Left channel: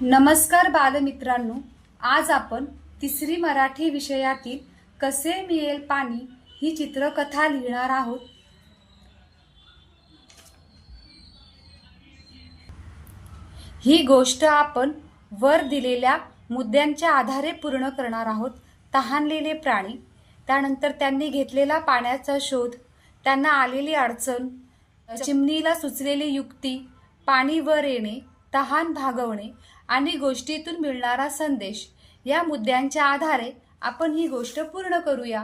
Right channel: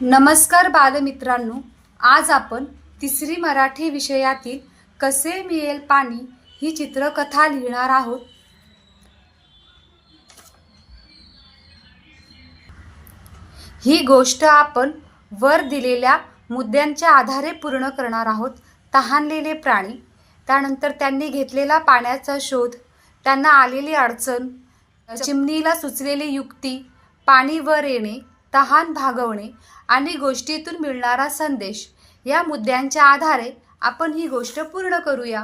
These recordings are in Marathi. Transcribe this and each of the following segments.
नमस्कार बालमित्रांनो, आज आपण तिसरी मराठी विषयातील कसे मिळेल पाणी ही चित्रकथा लिहिणार आहोत। ही गोष्ट आपण वर दिलेल्या मुद्द्यांच्या आधारे पूर्ण करणार आहोत। तहानलेले प्राणी, त्यानंतर त्यांनी घेतलेला पाण्याचा शोध, त्यांना आलेली अडचण, चिमणीला सुचलेली युक्ती, पाणी वर येणे, तहान भागवणे आणि गोष्टीतून मिळणारा संदेश या मुद्द्यांच्या आधारे आपण ही गोष्ट पूर्ण करूया।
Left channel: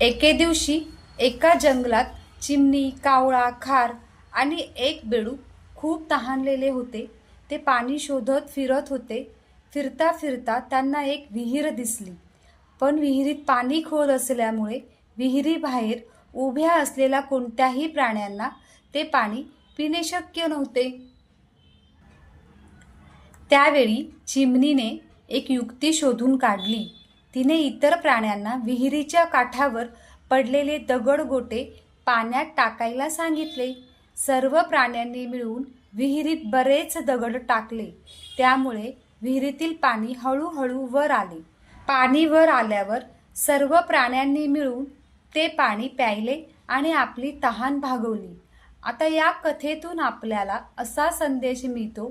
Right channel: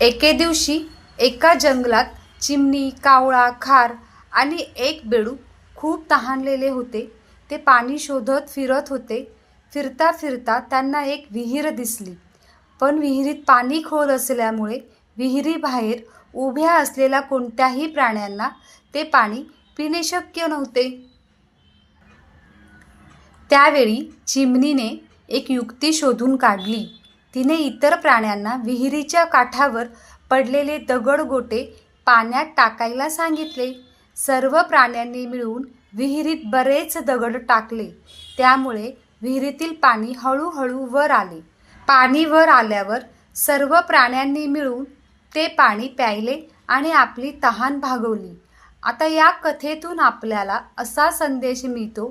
एके दिवशी एका जंगलात चिमणी, कावळा, खार आणि एक बेडूक खूप तहानलेले होते। ते पाणी शोधत फिरत होते। फिरता फिरता त्यांना एक विहीर दिसली, पण विहिरीत पाणी खोल असल्यामुळे विहिरीबाहेर उभ्या असलेल्या कोणत्याही प्राण्यांना ते पाणी पिणे शक्य नव्हते। त्यावेळी चिमणीने एक युक्ती शोधून काढली। तिने इतर प्राण्यांना विहिरीच्या काठावर पडलेले दगडगोटे पाण्यात टाकायला सांगितले। सर्व प्राण्यांनी मिळून विहिरीत बरेच दगड टाकले, त्यामुळे विहिरीतील पाणी हळूहळू वर आले। पाणी वर आल्यावर सर्व प्राण्यांनी मिळून ते पाणी प्यायले आणि आपली तहान भागवली। आता या कथेतून आपल्याला असा संदेश मिळतो,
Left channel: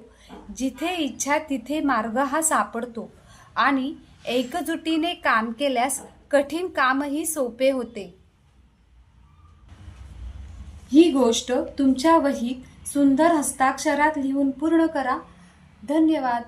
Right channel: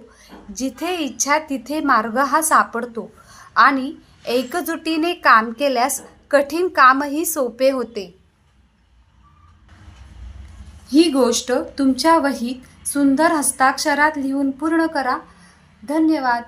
जिथे इच्छा तिथे मार्ग हा सापडतो आणि एकजुटीने काम केल्यास कठीण कामही सोपे होते। ही गोष्ट तुमच्या वहीत सुंदर हस्ताक्षरात लिहून पूर्ण करा। धन्यवाद।